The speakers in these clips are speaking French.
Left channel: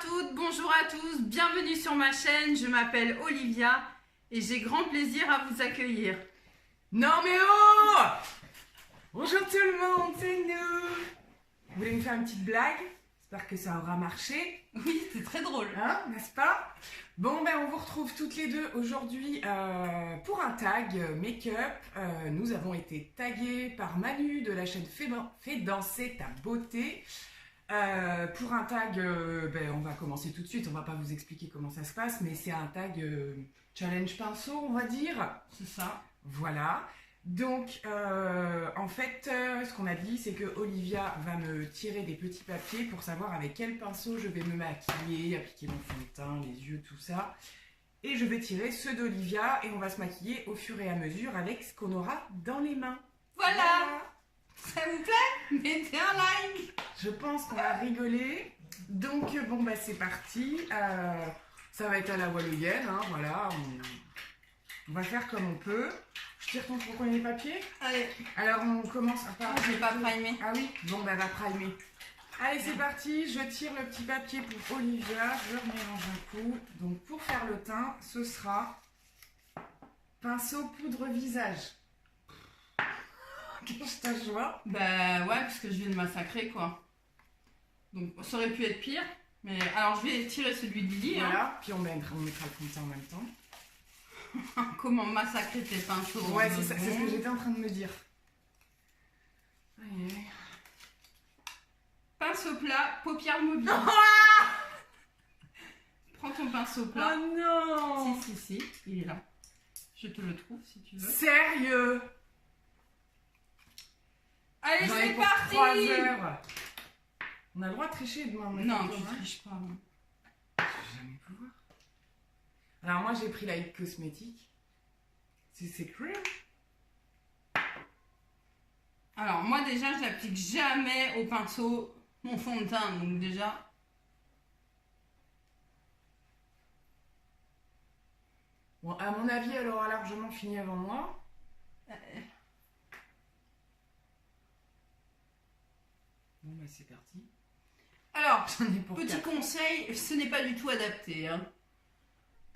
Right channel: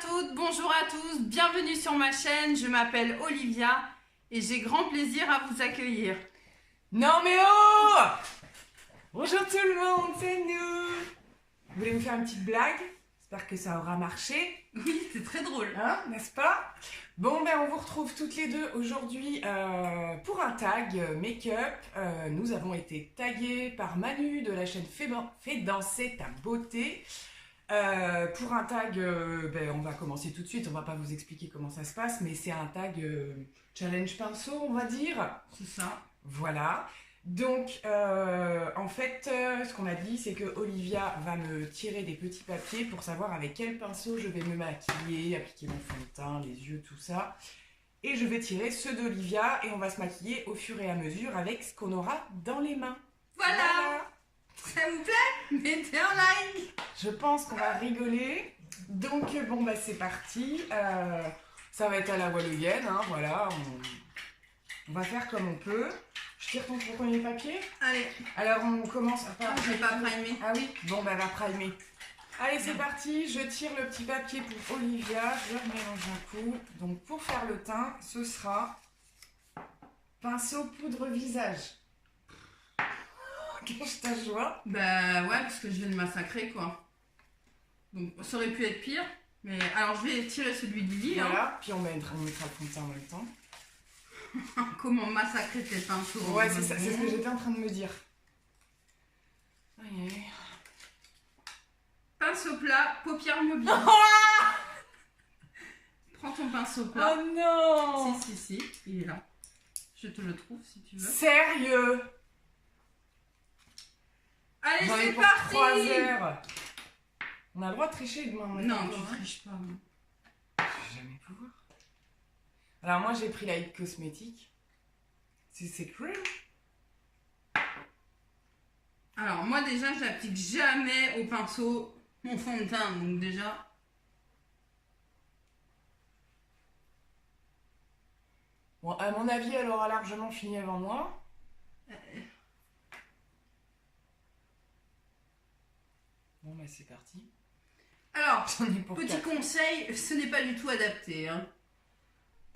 toutes, bonjour à tous, bienvenue sur ma chaîne, je m'appelle Olivia et j'ai grand plaisir à vous accueillir. Non mais oh! Bonjour tout le monde, c'est nous! Vous voulez me faire une petite blague? J'espère que ça aura marché. Oui, c'est très drôle. Hein, n'est-ce pas? Bon, ben on vous retrouve toutes les deux aujourd'hui pour un tag make-up. Nous avons été tagués par Manu de la chaîne Fais danser ta beauté. Pour un tag, on va commencer tout de suite, on va pas vous expliquer comment ça se passe, mais c'est un tag challenge pinceau, on va dire. C'est ça. Voilà. Donc, en fait, ce qu'on a dit, c'est que Olivia va me tirer des petits papiers pour savoir avec quel pinceau je vais me maquiller, appliquer mon fond de teint, les yeux, tout ça. Et je vais tirer ceux d'Olivia et on va se maquiller au fur et à mesure avec ce qu'on aura dans les mains. Voilà. Ça vous plaît? Mettez un like. Je pense qu'on va rigoler. Donc, bon, bah c'est parti. Ça va être à la wallonienne, hein, voilà. On va faire comme on peut. Je tire ton premier papier. Allez. Alors, on commence par... Je vais pas primer. Ah oui? Bon, bah va primer. Allez, c'est parti. Je tire le petit papier pour Olivia. Je remets dans un coup. Donc, pour faire le teint, ce sera pinceau poudre visage. Qu'est-ce que ta joie? Bah ouais, parce que je viens de massacrer quoi. Donc ça aurait pu être pire. Mais alors je vais tirer celui de Lily. Voilà, hein. puis on mettra le fond de teint en même temps. Comment massacrer tes pinceaux? Ouais, c'est ça, c'est ce que j'étais en train de me dire. Aïe, aïe. Pinceau plat, paupières mobiles. Prends ton pinceau plat. Oh non! Si, il est là. Je te le trouve si tu veux. Sérieux? Allez, J'en ai c'est pour parti! 3 heures. On a le droit de tricher demain. Non, tu triches pas. Non. Je vais jamais pouvoir. Alors moi j'ai pris la Hit Cosmétique. C'est cru. Alors moi déjà, j'applique jamais au pinceau mon fond de teint. Donc déjà... Bon, à mon avis, elle aura largement fini avant moi. Bon, bah c'est parti. Alors, J'en ai pour petit 4. conseil, ce n'est pas du tout adapté. Hein.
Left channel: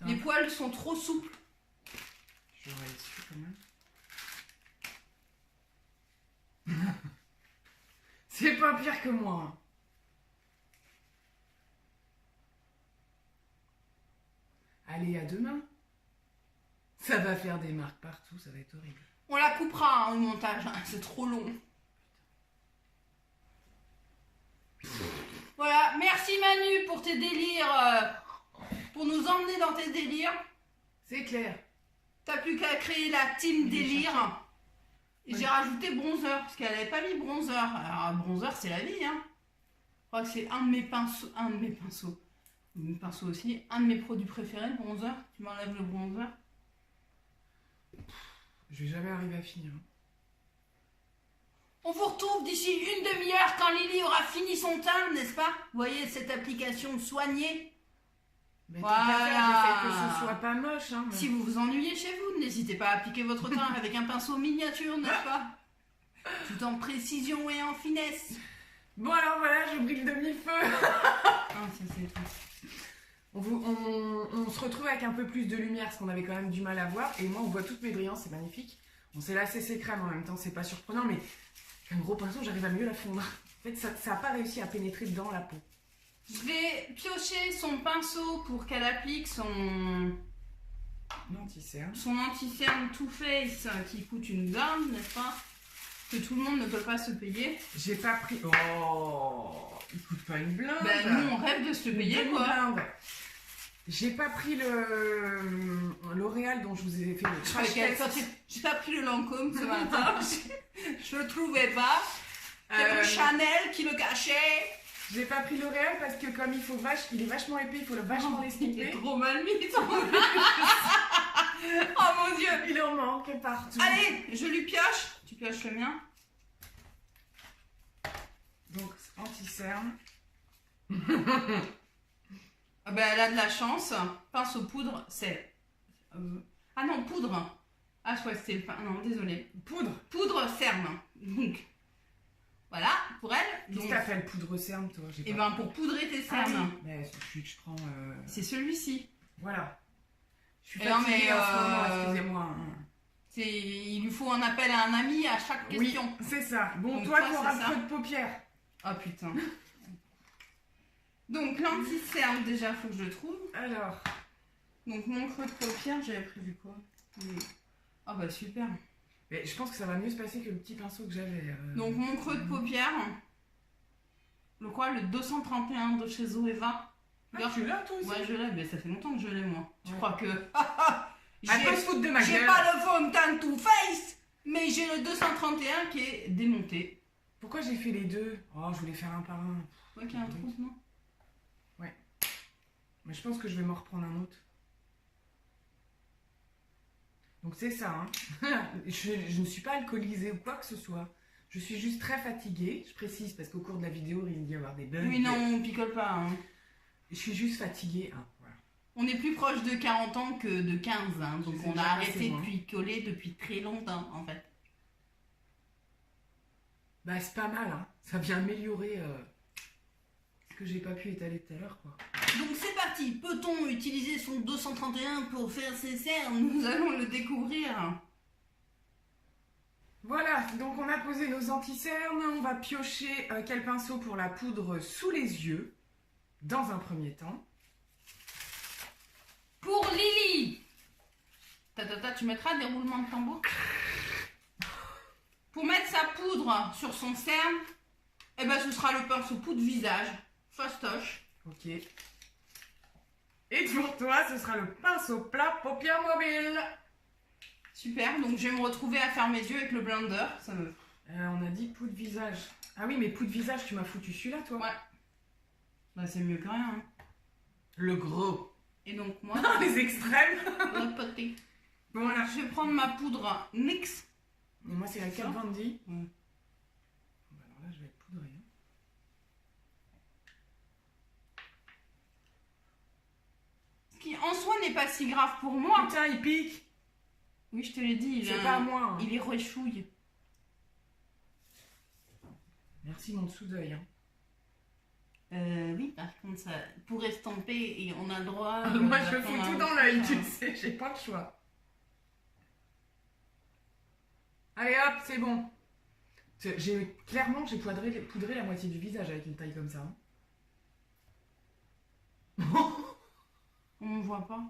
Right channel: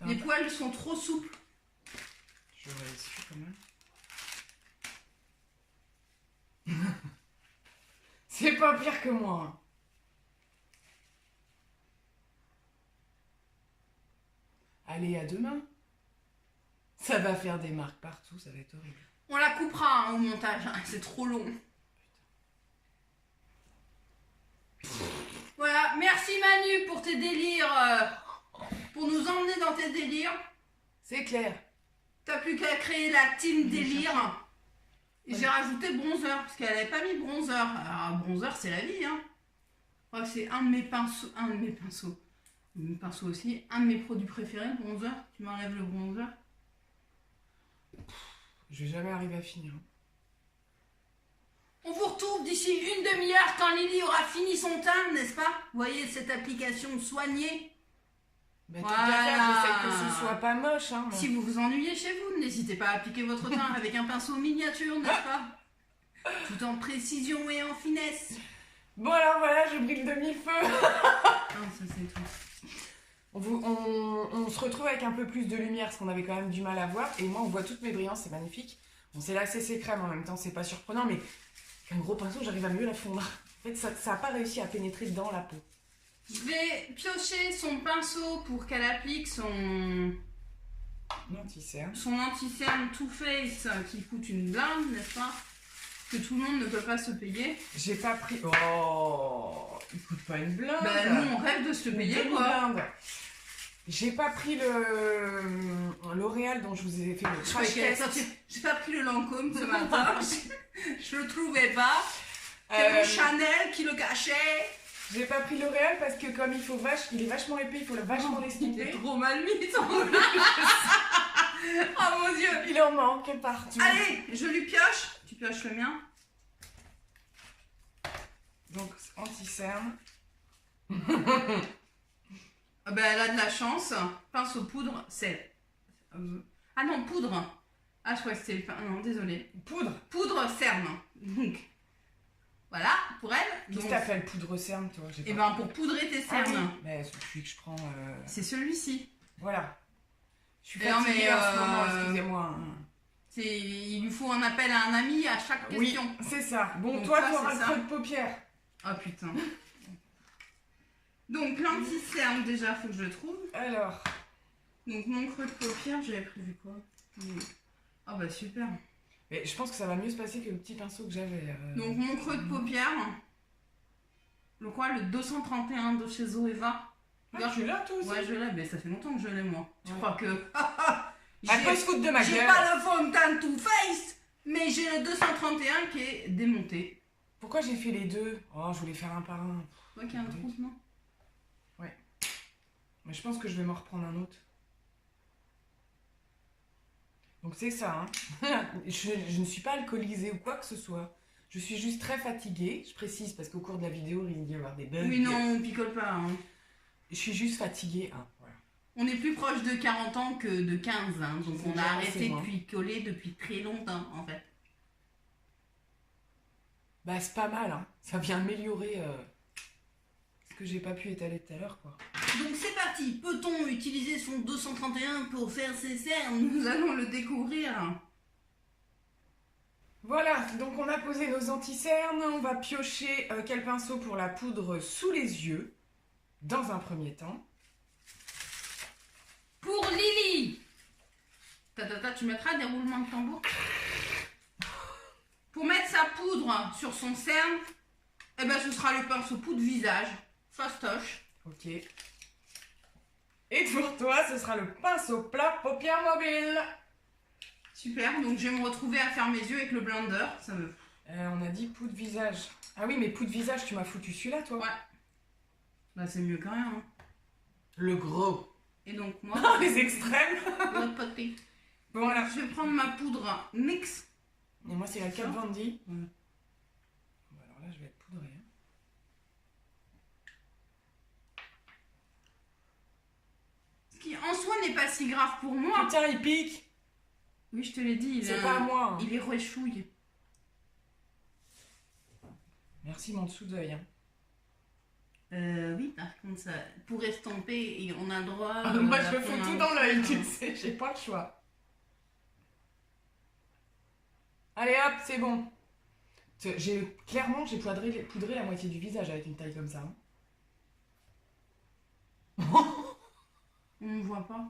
Les poils sont trop souples. J'aurais su quand même. C'est pas pire que moi. Allez, à demain. Ça va faire des marques partout, ça va être horrible. On la coupera hein, au montage, hein, c'est trop long. Voilà, merci Manu pour tes délires, pour nous emmener dans tes délires. C'est clair. T'as plus qu'à créer la team délire. Et j'ai rajouté bronzer, parce qu'elle n'avait pas mis bronzer. Alors bronzer c'est la vie, hein. Je crois que c'est un de mes pinceaux, mes pinceaux aussi, un de mes produits préférés, le bronzer. Tu m'enlèves le bronzer. Je vais jamais arriver à finir. On vous retrouve d'ici une demi-heure quand Lily aura fini son teint, n'est-ce pas? Vous voyez cette application soignée. Ben, Voilà. J'essaie que ce soit pas moche. Hein, Si vous vous ennuyez chez vous, n'hésitez pas à appliquer votre teint avec un pinceau miniature, n'est-ce pas? Tout en précision et en finesse. Bon alors voilà, je brille de mille feux. Ah, ça c'est tout. On se retrouve avec un peu plus de lumière parce qu'on avait quand même du mal à voir. Et moi on voit toutes mes brillances, c'est magnifique. Bon c'est la CC crème en même temps, c'est pas surprenant, mais avec un gros pinceau j'arrive à mieux la fondre. En fait ça n'a pas réussi à pénétrer dans la peau. Je vais piocher son pinceau pour qu'elle applique son anti-cerne Too Faced qui coûte une blinde, n'est-ce pas? Que tout le monde ne peut pas se payer. J'ai pas pris... Oh, il coûte pas une blinde. Ben nous on rêve de se payer quoi. Blinde. J'ai pas pris le L'Oréal dont je vous ai fait le crash test. J'ai pas pris le Lancôme ce matin. Je le trouvais pas. C'est le Chanel qui le cachait. J'ai pas pris L'Oréal parce que comme il est vachement épais, il faut vachement l'estomper. Trop mal mis. Oh mon dieu. Il en manque partout. Allez, je lui pioche. Tu pioches le mien. Donc anti-cerne. Ah ben, elle a de la chance. Pinceau poudre, c'est... Ah non, poudre. Ah, je crois que c'était le... Non, désolé. Poudre. Poudre cerne. Donc, voilà, pour elle. Qu'est-ce que Donc, t'appelles poudre cerne, toi? J'ai et pas- ben pour poudrer tes Ah oui, cernes, mais celui que je prends. c'est celui-ci. Voilà. Je suis Et non, fatiguée mais, en ce moment, excusez-moi. hein. Il lui faut un appel à un ami à chaque Oui, question. c'est ça. Bon, Donc, toi, toi, tu auras c'est le ça. creux de paupière. Ah putain. Donc l'anti-cerne, déjà, faut que je le trouve. Alors, Donc mon creux de paupière, j'avais prévu quoi? Ah bah super. mais je pense que ça va mieux se passer que le petit pinceau que j'avais. Donc mon creux de paupière, le quoi? Le 231 de chez Zoeva. Ah, tu l'as, toi aussi? Ouais, je l'ai, mais ça fait longtemps que je l'ai, moi. Tu Ouais. crois que... Elle peut se foutre de ma J'ai gueule. pas le fond de teint to face, mais j'ai le 231 qui est démonté. Pourquoi j'ai fait les deux? Oh, je voulais faire un par un. Ouais, qu'il y a un trou, non? Mais je pense que je vais m'en reprendre un autre. Donc c'est ça, hein. je ne suis pas alcoolisée ou quoi que ce soit. Je suis juste très fatiguée. Je précise parce qu'au cours de la vidéo, il risque d'y avoir des bugs. Oui, non, on picole pas. Hein. Je suis juste fatiguée. Hein. Voilà. On est plus proche de 40 ans que de 15, hein, donc sais on a déjà arrêté passer, de moi. picoler depuis très longtemps, en fait. Bah c'est pas mal, hein. Ça vient améliorer ce que j'ai pas pu étaler tout à l'heure, quoi. Donc c'est parti, peut-on utiliser son 231 pour faire ses cernes? Nous allons le découvrir. Voilà, donc on a posé nos anti-cernes. On va piocher quel pinceau pour la poudre sous les yeux, dans un premier temps. Pour Lily, tu mettras des roulements de tambour. Pour mettre sa poudre sur son cerne, eh ben ce sera le pinceau poudre visage, fastoche. Ok. Et pour toi, ce sera le pinceau plat paupières mobile. Super, donc je vais me retrouver à faire mes yeux avec le blender. Ça me... On a dit poudre visage. Ah oui, mais poudre visage, tu m'as foutu celui-là, toi. Ouais. Bah c'est mieux que rien. Hein. Le gros. Et donc moi, Ah, les extrêmes. l'autre côté. Bon, voilà. Je vais prendre ma poudre NYX. Et moi, c'est la 4 Ça. Vandy. Ouais. Bah, alors là, je vais être poudrée. Hein. Ce qui en soi n'est pas si grave pour moi. Putain, il pique. Oui, je te l'ai dit, C'est pas à moi. Hein. il est rechouille. Merci, mon dessous d'œil. Hein. Oui, par contre, ça, pour estomper, et on a le droit. Moi, à je fous prendre tout un dans petit l'œil, peu, tu hein. le sais, j'ai pas le choix. Allez hop, c'est bon. Clairement, j'ai poudré la moitié du visage avec une taille comme ça. Hein. On ne voit pas.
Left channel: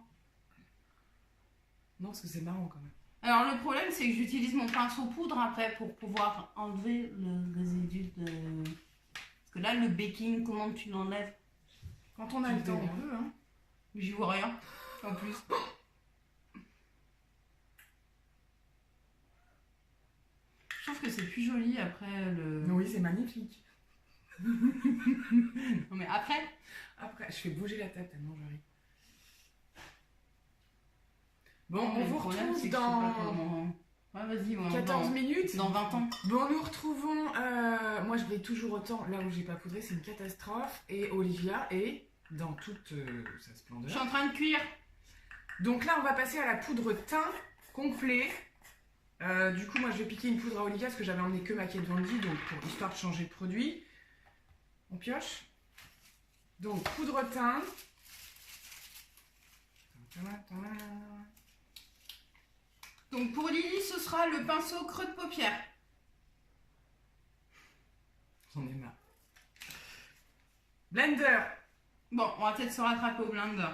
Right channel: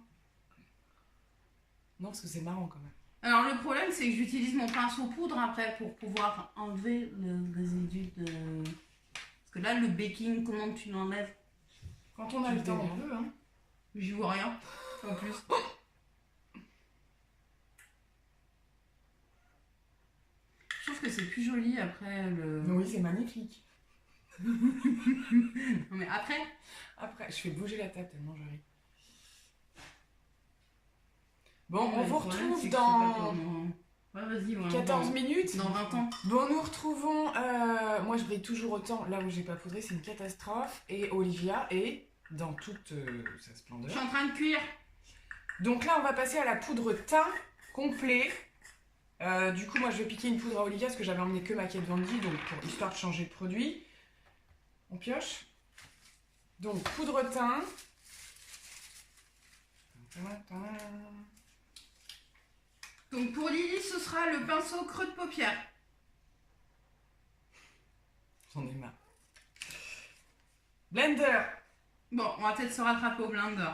Non, parce que c'est marrant quand même. Alors, le problème, c'est que j'utilise mon pinceau poudre après pour pouvoir enlever le résidu de. Parce que là, le baking, comment tu l'enlèves? Quand on a le temps, on peut, hein. J'y vois rien. En plus. Je trouve que c'est plus joli après le. Oui, c'est magnifique. Non, mais après. Après, je fais bouger la table tellement je ris. Bon, Mais on le vous problème, retrouve c'est que je sais dans pas comment- Ouais, vas-y, ouais, 14 minutes. Dans 20 ans. Bon, nous retrouvons. Moi, je brille toujours autant. Là où j'ai pas poudré, c'est une catastrophe. Et Olivia est dans toute sa Je suis splendeur. en train de cuire. Donc là, on va passer à la poudre teint complet. Du coup, moi, je vais piquer une poudre à Olivia parce que j'avais emmené que ma Kate Von D, donc pour histoire de changer de produit. On pioche. Donc, poudre teint. Donc pour Lily, ce sera le pinceau creux de paupière. J'en ai marre. Blender. Bon, on va peut-être se rattraper au blender.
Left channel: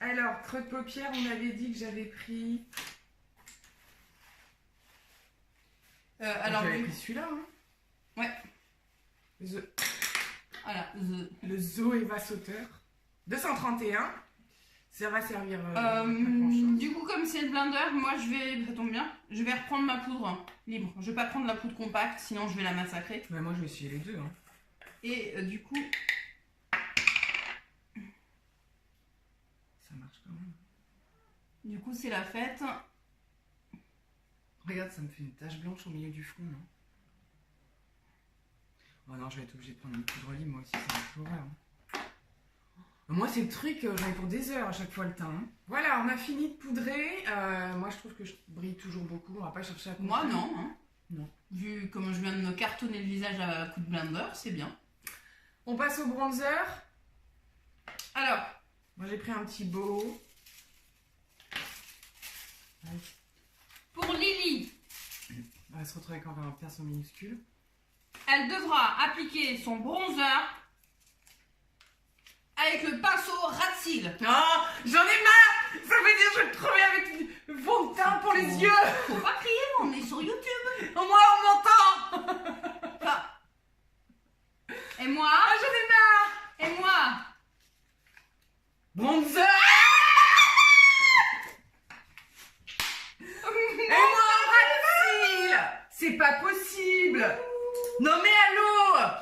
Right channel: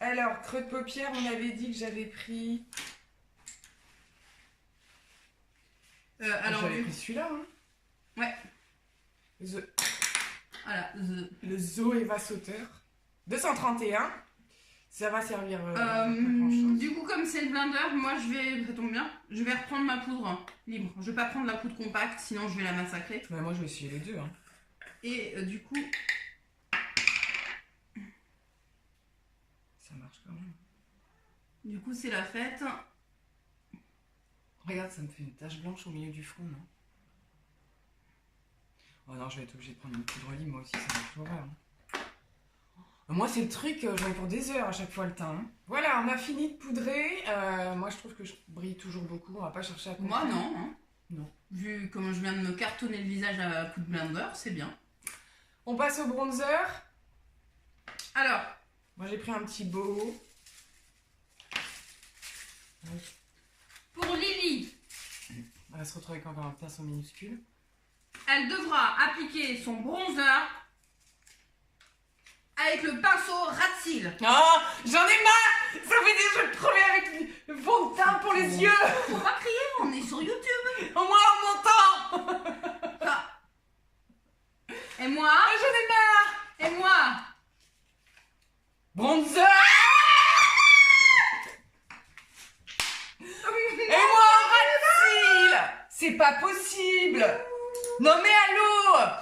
Alors, creux de paupière, on avait dit que j'avais pris. Alors, j'avais pris celui-là. Hein. Ouais. Voilà, Le Zoeva Sauteur. 231. Ça va servir. Pas grand-chose. du coup, comme c'est le blender, moi je vais, ça tombe bien, je vais reprendre ma poudre libre. Je vais pas prendre la poudre compacte, sinon je vais la massacrer. Bah, moi, je vais essayer les deux. Hein. Et du coup, Ça marche quand même. c'est la fête. Regarde, ça me fait une tache blanche au milieu du front, non? Oh non, je vais être obligée de prendre une poudre libre, moi aussi, ça va être horreur. Hein. Moi, c'est le truc, j'en ai pour des heures à chaque fois le teint. Hein. Voilà, on a fini de poudrer. Moi, je trouve que je brille toujours beaucoup. On va pas chercher à Moi comprendre. non. Hein. Non. Vu comment je viens de me cartonner le visage à coup de blender, c'est bien. On passe au bronzer. Alors, Moi j'ai pris un petit beau. pour Lily, On va se retrouver avec encore un pinceau minuscule. elle devra appliquer son bronzer avec le pinceau rat de cils. Oh, j'en ai marre. Ça veut dire que je vais me crever avec du fond de teint pour les yeux. Faut pas crier, on est sur YouTube. Au moins on m'entend. Ah. Et moi, Ah, j'en ai marre. et moi, Bronzer. Et moi en ras de cils. C'est pas possible. Non mais allô.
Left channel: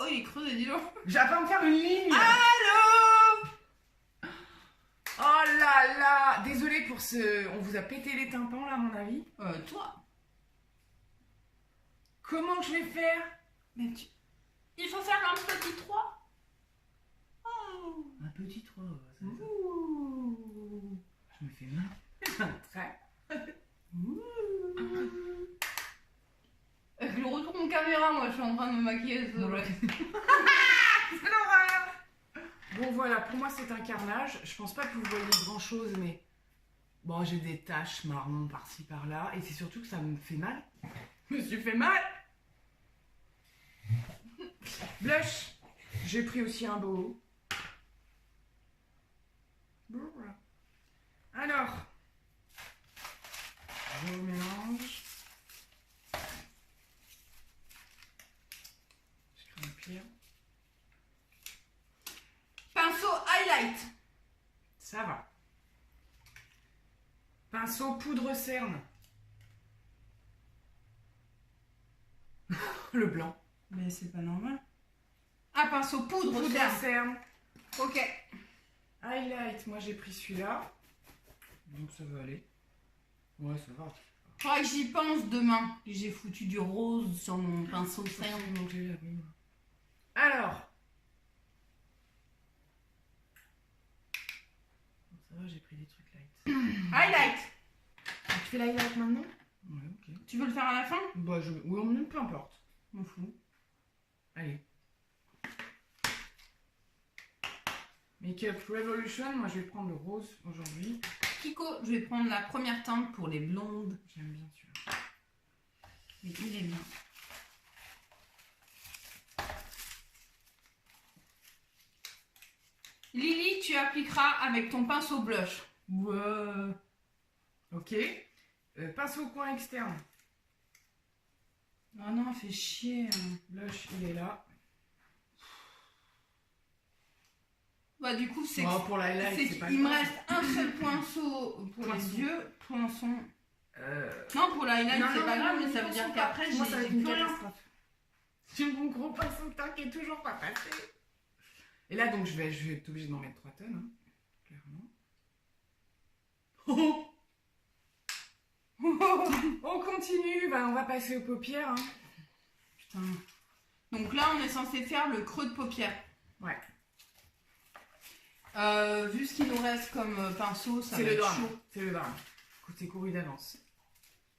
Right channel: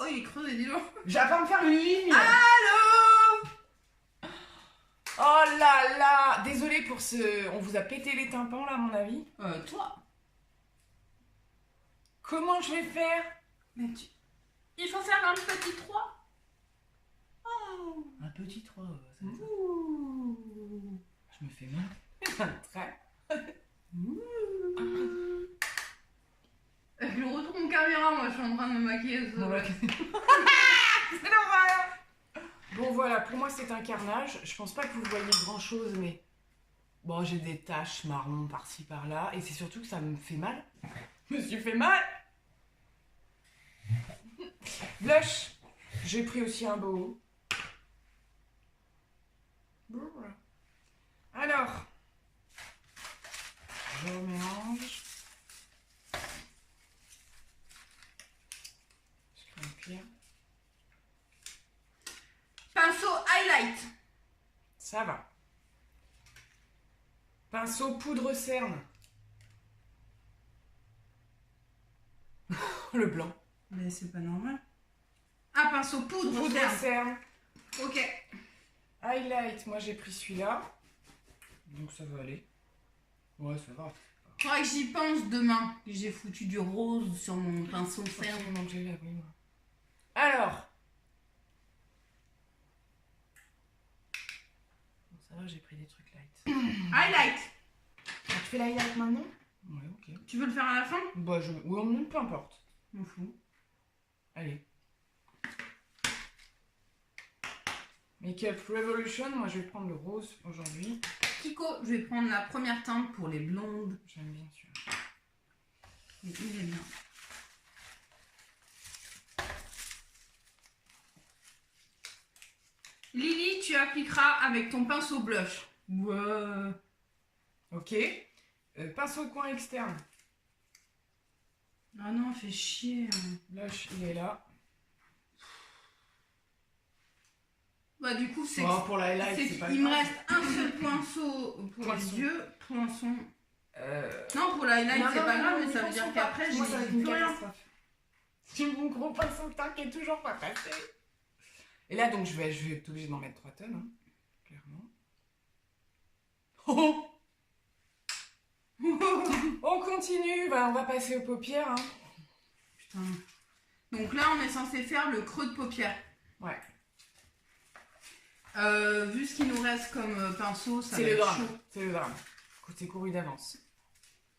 oh il est creusé, dis donc. Je vais pas me faire une ligne. Allô. Oh là là. Désolée pour ce... On vous a pété les tympans là à mon avis. Toi. Comment je vais faire? Mais tu... Il faut faire un petit 3. Oh. Un petit 3. Ouh. Je me fais mal. Très. Je retourne en caméra, moi je suis en train de me maquiller. C'est l'horreur. Bon voilà, pour moi c'est un carnage. Je pense pas que vous voyez grand chose, mais bon, j'ai des taches marron par-ci par-là, et c'est surtout que ça me fait mal. Je me suis fait mal. Blush. J'ai pris aussi un beau. Alors, je remélange. Je crée un pire. Pinceau highlight. Ça va. Pinceau poudre cerne. Le blanc. Mais c'est pas normal. Ah, pinceau poudre, Poudre cerne. cerne. Ok. Highlight, moi j'ai pris celui-là. Donc ça va aller. Ouais, ça va. Faudra que j'y pense demain. J'ai foutu du rose sur mon pinceau de cerne. Donc j'ai la oui. Alors. Bon, ça va, j'ai pris des trucs light. Highlight. Ah, tu fais l'highlight maintenant? Ouais, ok. Tu veux le faire à la fin? Bah, oui, peu importe. Je m'en fous. Allez. Makeup Revolution, moi je vais prendre le rose aujourd'hui. Kiko, je vais prendre la première teinte pour les blondes. J'aime bien celui-là. Mais il est bien. Lily, tu appliqueras avec ton pinceau blush. Ouais. Ok. Pinceau coin externe. Ah non, fait chier. Blush, il est là. Bah du coup, c'est Oh, pour l'highlight, c'est pas il me grave. reste un seul pinceau pour Poinçon. les yeux. Poinçon. Euh... Non, pour l'highlight, Non, c'est non, pas non, grave, non, mais ça veut ne dire pensons qu'après, pas. j'ai Moi, ça va être plus une rien. catastrophe. J'ai mon gros pinceau de teint qui est toujours pas passé. Et là, donc, je vais être obligée d'en mettre 3 tonnes, hein, clairement. Oh. On continue, bah, on va passer aux paupières. Hein. Putain. Donc là, on est censé faire le creux de paupière. Ouais. Vu ce qu'il nous reste comme pinceau, ça va C'est le être drame. chaud. C'est le drame. Écoute, c'est couru d'avance.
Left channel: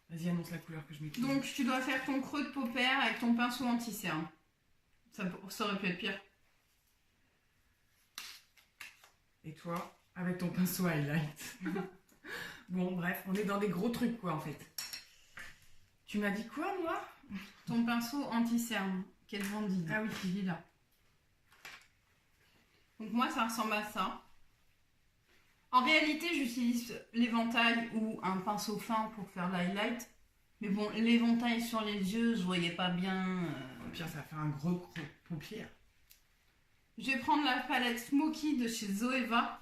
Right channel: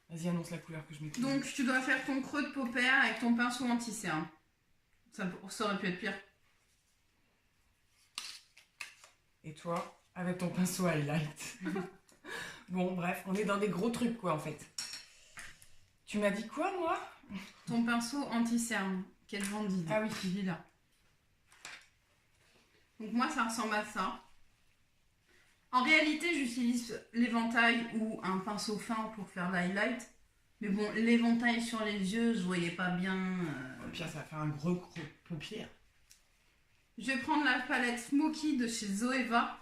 Vas-y, annonce la couleur que je mets. Donc tu dois faire ton creux de paupière avec ton pinceau anti-cerne. Ça aurait pu être pire. Et toi, avec ton pinceau highlight. Bon, bref, on est dans des gros trucs, quoi, en fait. Tu m'as dit quoi, moi? Ton pinceau anti-cerne, quel vendide. Ah oui. Il est là. Donc moi, ça ressemble à ça. En réalité, j'utilise l'éventail ou un pinceau fin pour faire l'highlight. Mais bon, l'éventail sur les yeux, je voyais pas bien. Au pire, ça fait un gros paupière. Je vais prendre la palette Smoky de chez Zoeva.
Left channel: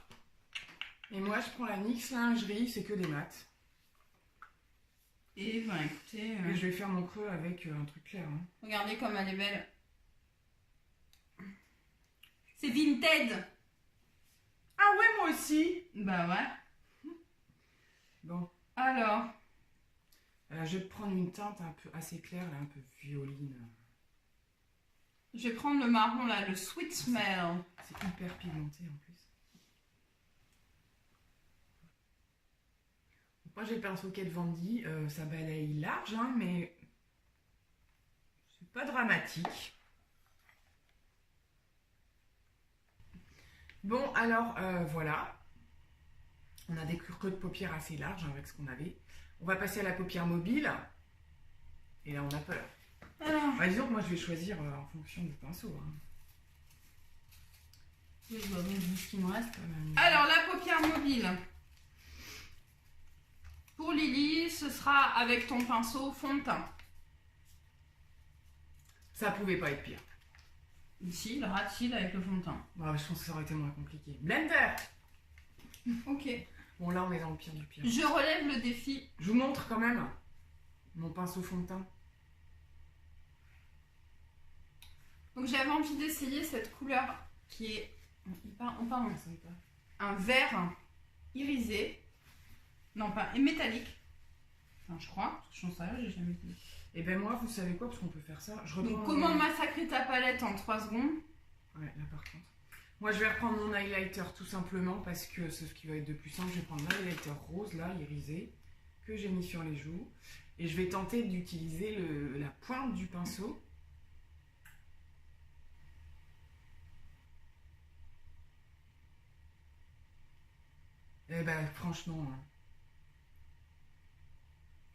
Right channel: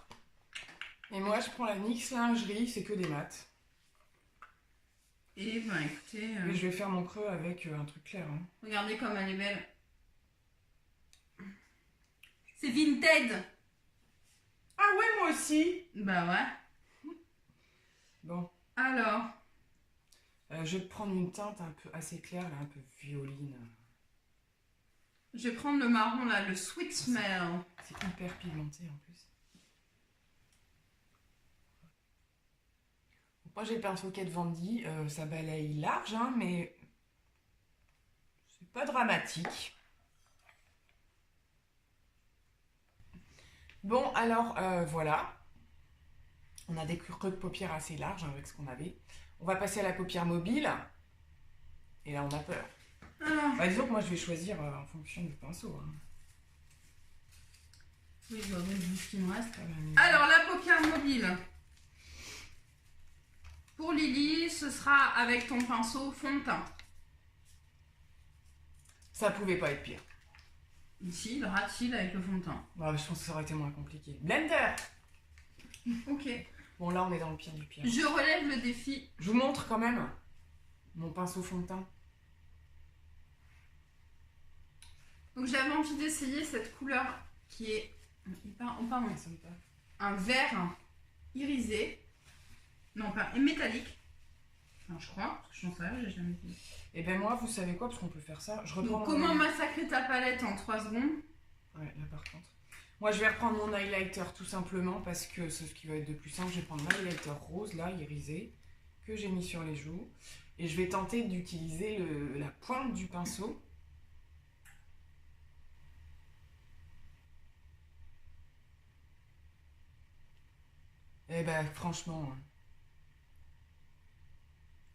Et moi, je prends la NYX lingerie, c'est que des maths. Et ben écoutez, Et je vais faire mon creux avec un truc clair. Hein. regardez comme elle est belle. C'est Vinted. Ah ouais, moi aussi. Bah ouais. Bon, Alors, je vais prendre une teinte un peu assez claire, là, un peu violine. je vais prendre le marron là, le Sweet Smell. C'est hyper pigmenté en plus. Moi j'ai le pinceau Kat Von D, ça balaye large, hein, mais pas dramatique. Bon, alors, voilà. On a des creux de paupières assez larges, hein, avec ce qu'on avait. On va passer à la paupière mobile. Et là, on a peur. Alors, Bah, disons que moi, je vais choisir en fonction du pinceau. Hein. oui, je vois bien ce qu'il me reste. Pas mal. Alors, la paupière mobile. Pour Lily, ce sera avec ton pinceau fond de teint. Ça pouvait pas être pire. Ici, le rat-il avec le fond de teint. Bah, je pense que ça aurait été moins compliqué. Blender. Ok. Bon, là, on est dans le pire du pire. Je relève le défi. Je vous montre quand même mon pinceau fond de teint. Donc, j'avais envie d'essayer cette couleur qui est un vert irisé. Non, pas métallique. Enfin, je crois, parce que je n'en sais rien, j'ai jamais fait. Et ben moi, vous savez quoi, parce qu'on peut faire ça. Je reprends. Donc, comment massacrer ta palette en 3 secondes? Ouais, là par contre. Moi, je vais reprendre mon highlighter tout simplement parce que c'est ce qui va être de plus simple. Je vais prendre l'highlighter rose, là, irisé, que j'ai mis sur les joues. Et je vais tenter d'utiliser la pointe du pinceau. Et ben, franchement, hein,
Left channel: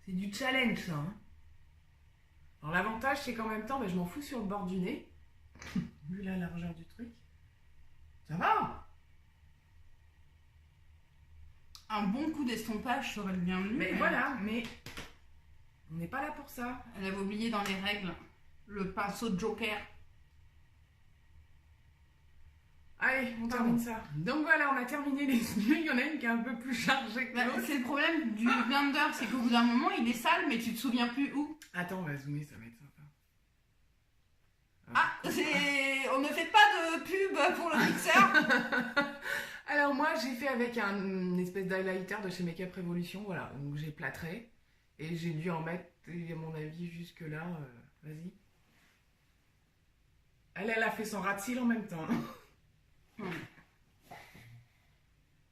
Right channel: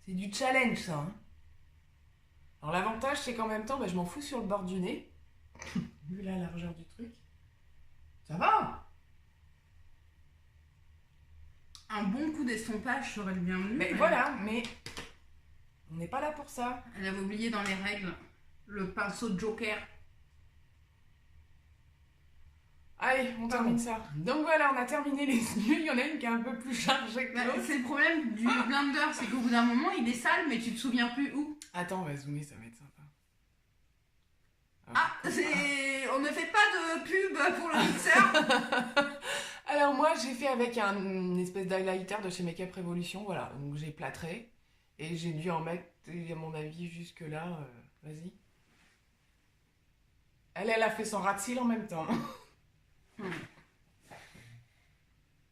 c'est du challenge, ça. Hein. Alors, l'avantage, c'est qu'en même temps, je m'en fous sur le bord du nez. Vu la largeur du truc. Ça va? Un bon coup d'estompage serait le bienvenu. Mais voilà, mais on n'est pas là pour ça. Elle avait oublié dans les règles le pinceau de Joker. Allez, on termine ça. Donc voilà, on a terminé les yeux. Il y en a une qui est un peu plus chargée que l'autre. C'est le problème du blender, c'est qu'au bout d'un moment, il est sale, mais tu te souviens plus où. Attends, on va zoomer, ça va être sympa. On ne fait pas de pub pour le mixeur. Alors moi, j'ai fait avec une espèce d'highlighter de chez Make Up Revolution, voilà. Donc j'ai plâtré et j'ai dû en mettre, à mon avis, jusque là. Vas-y. Elle a fait son rat-cil en même temps. Je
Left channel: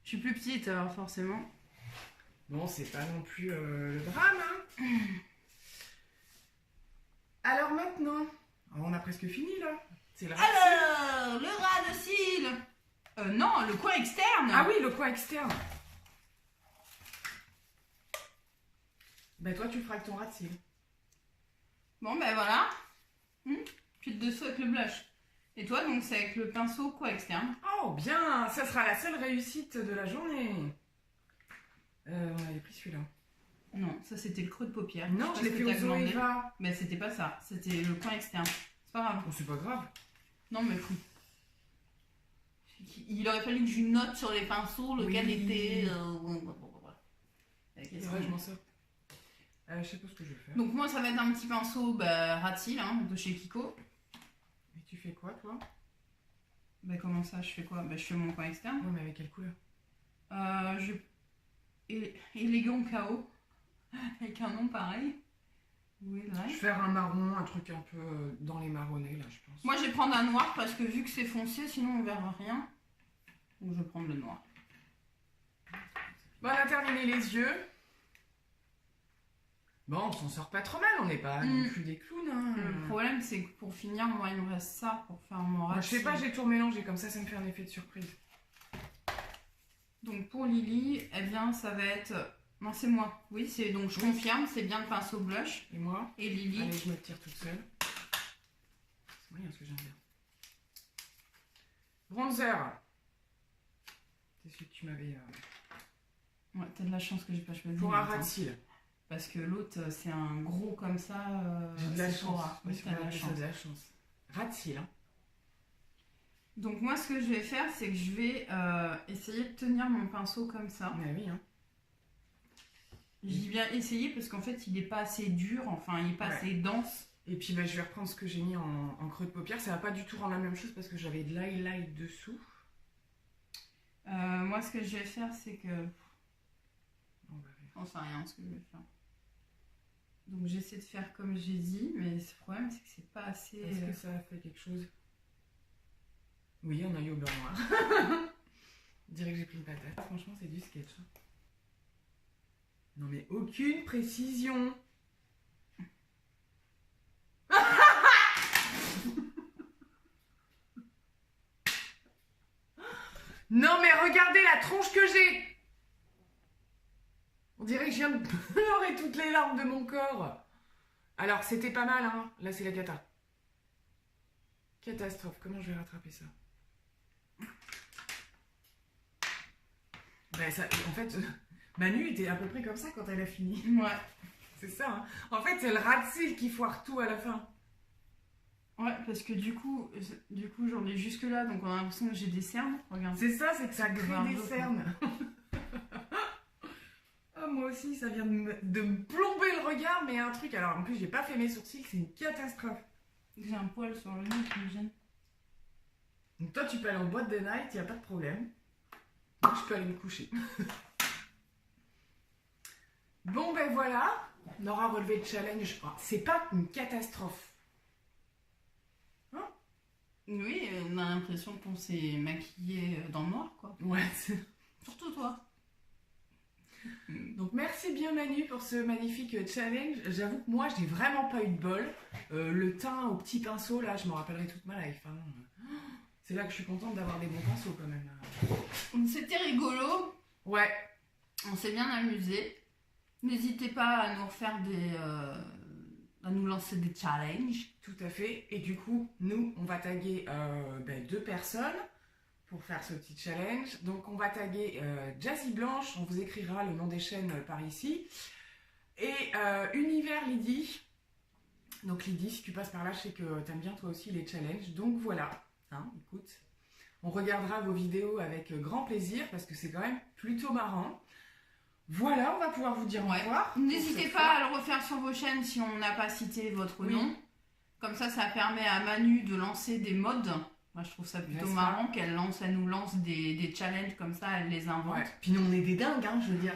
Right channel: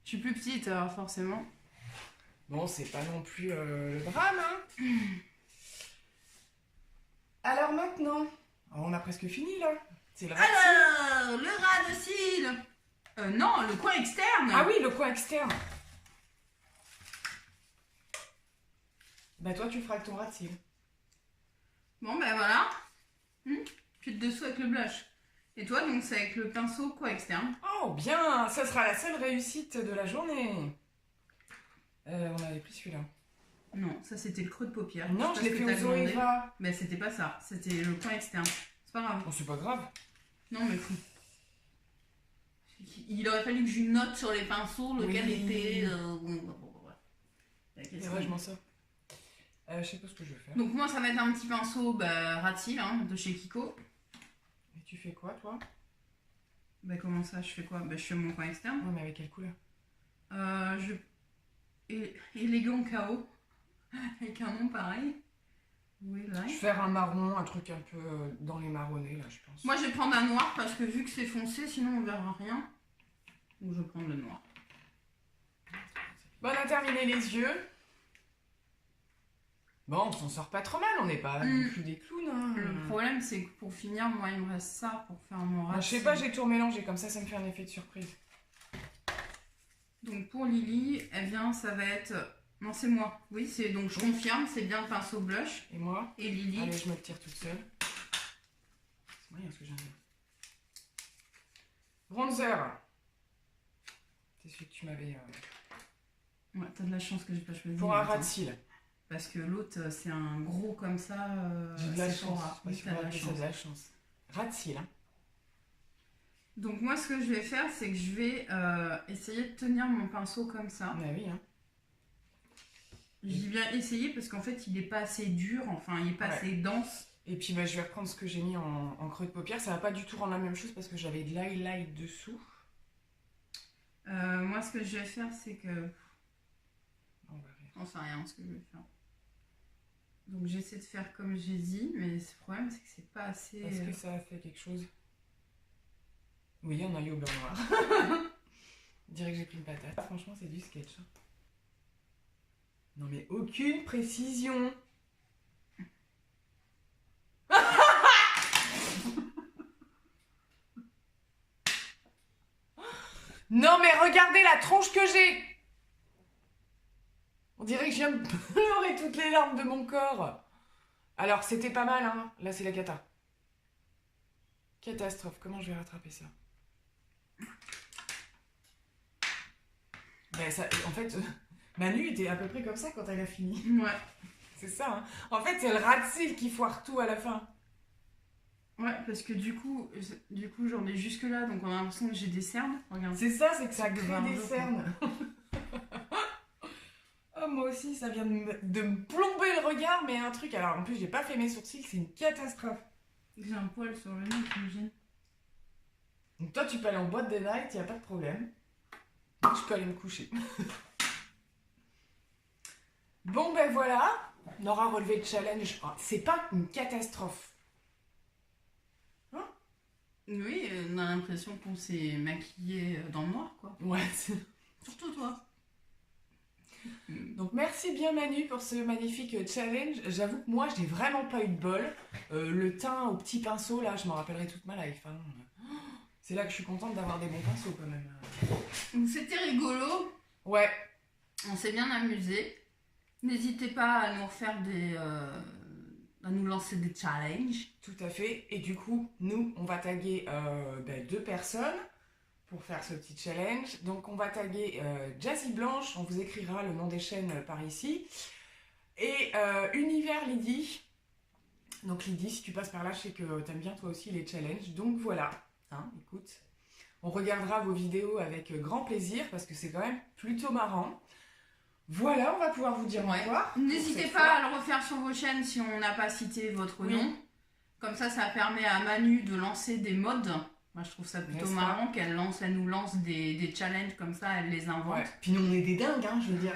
suis plus petite, alors forcément. Bon, c'est pas non plus le drame, hein. Alors maintenant, on a presque fini là. C'est le rat-cil. Alors, le ras de cils. Non, le coin externe. Ah oui, le coin externe. Bah toi, tu le feras avec ton rat-cil. Bon, ben voilà. Puis le dessous avec le blush. Et toi, donc, c'est avec le pinceau coin externe. Oh, bien. Ça sera la seule réussite de la journée. On avait pris celui-là. Non, ça c'était le creux de paupière. Non, je l'ai fait aux Zoeva. Mais c'était pas ça, c'était le coin externe. C'est pas grave. Oh, c'est pas grave. Non, mais fou. Il aurait fallu que je note sur les pinceaux lequel était. C'est vrai, je m'en sors. Je sais pas ce que je vais faire. Donc, moi, ça va être un petit pinceau rat-cil de chez Kiko. Et tu fais quoi, toi? Comment ça, je fais quoi? Je fais mon coin externe. Ouais, mais avec quelle couleur? Élégant KO. Avec un nom pareil. Oui, là. Je vais faire un marron, un truc un peu dans les marronnés, là, je pense. Moi, je vais prendre un noir parce que vu que c'est foncé, sinon on verra rien. Donc, je vais prendre le noir. Bon, on a terminé les yeux. Bon, on s'en sort pas trop mal, on n'est pas non plus des clowns. Hein. Le problème, c'est que pour finir, moi, il me reste ça pour faire mon rat. Je sais pas, j'ai tout mélangé, comme ça me fait un effet de surprise. Donc, pour Lily, eh bien, ça va être... Non, c'est moi. Oui, c'est donc je confirme, c'est bien le pinceau blush. Et moi? Et Lily. Allez, je me tire toute seule. Oui, ce que je viens de faire. Bronzer. C'est celui que tu m'avais... Ouais, t'as de la chance que j'ai pas choisi. Pour un rat-cil. Parce que l'autre, c'est un gros comme ça. J'ai de la chance. Oui, t'as de la chance. Rat-cil, hein. Donc moi, ce que je vais faire, c'est que je vais essayer de tenir mon pinceau comme ça. Ah oui, hein. J'ai bien essayé parce qu'en fait, il n'est pas assez dur, enfin, il n'est pas assez dense. Et puis, je vais reprendre ce que j'ai mis en creux de paupière. Ça va pas du tout rendre la même chose parce que j'avais de l'highlight dessous. Moi, ce que je vais faire, c'est que... On sait rien ce que je vais faire. Donc, j'essaie de faire comme j'ai dit, mais le problème, c'est que c'est pas assez... Est-ce que ça a fait quelque chose? Oui, un œil au beurre noir. Je dirais que j'ai pris une patate. Franchement, c'est du sketch. Non mais aucune précision. Non mais regardez la tronche que j'ai. On dirait que je viens de pleurer toutes les larmes de mon corps. Alors c'était pas mal, hein. Là c'est la cata. Catastrophe, comment je vais rattraper ça? Ben, ça, en fait, Manu était à peu près comme ça quand elle a fini. Ouais. C'est ça, hein. En fait, c'est le ras de cils qui foire tout à la fin. Ouais, parce que du coup j'en ai jusque là, donc on a l'impression que j'ai des cernes. Regarde. C'est ça, c'est que ça De crée voir des l'eau, quoi. cernes. Oh, moi aussi, ça vient de me plomber le regard, mais un truc. Alors, en plus, j'ai pas fait mes sourcils, c'est une catastrophe. J'ai un poil sur le nez qui me gêne. Donc, toi, tu peux aller en boîte de night, y a pas de problème. Moi, je peux aller me coucher. Bon, ben voilà. On aura relevé le challenge. Oh, c'est pas une catastrophe. Oui, on a l'impression qu'on s'est maquillé dans le noir, quoi. Ouais. Surtout toi. Donc, merci bien, Manu, pour ce magnifique challenge. J'avoue que moi, j'ai vraiment pas eu de bol. Le teint au petit pinceau, là, je m'en rappellerai toute ma life. Hein. C'est là que je suis contente d'avoir des bons pinceaux, quand même. Donc c'était rigolo. Ouais. On s'est bien amusé. N'hésitez pas à nous refaire à nous lancer des challenges. Tout à fait. Et du coup, nous, on va taguer 2 personnes pour faire ce petit challenge. Donc, on va taguer Jazzy Blanche. On vous écrira le nom des chaînes par ici. Et Univers Lydie. Donc, Lydie, si tu passes par là, je sais que t'aimes bien toi aussi les challenges. Donc, voilà. Hein, écoute, on regardera vos vidéos avec grand plaisir parce que c'est quand même plutôt marrant. Voilà, on va pouvoir vous dire au revoir. N'hésitez pas à le refaire sur vos chaînes si on n'a pas cité votre nom. Comme ça permet à Manu de lancer des modes. Moi, je trouve ça plutôt marrant qu'elle nous lance des challenges comme ça, elle les invente. Ouais. Puis nous, on est des dingues, hein, je veux dire.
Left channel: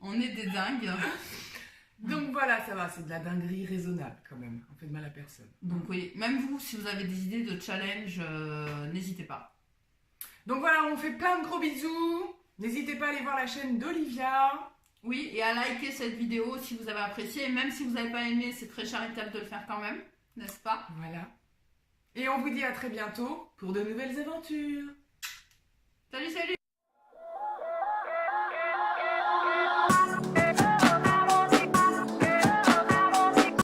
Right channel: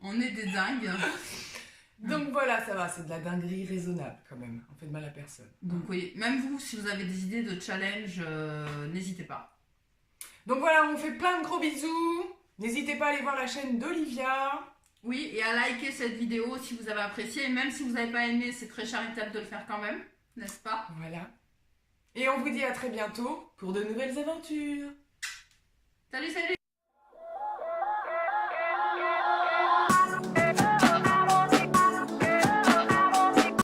On est des dingues. Donc voilà, ça va, c'est de la dinguerie raisonnable quand même. On fait de mal à personne. Donc oui, même vous, si vous avez des idées de challenge, n'hésitez pas. Donc voilà, on fait plein de gros bisous. N'hésitez pas à aller voir la chaîne d'Olivia. Oui, et à liker cette vidéo si vous avez apprécié. Et même si vous n'avez pas aimé, c'est très charitable de le faire quand même, n'est-ce pas? Voilà. Et on vous dit à très bientôt pour de nouvelles aventures. Salut, salut!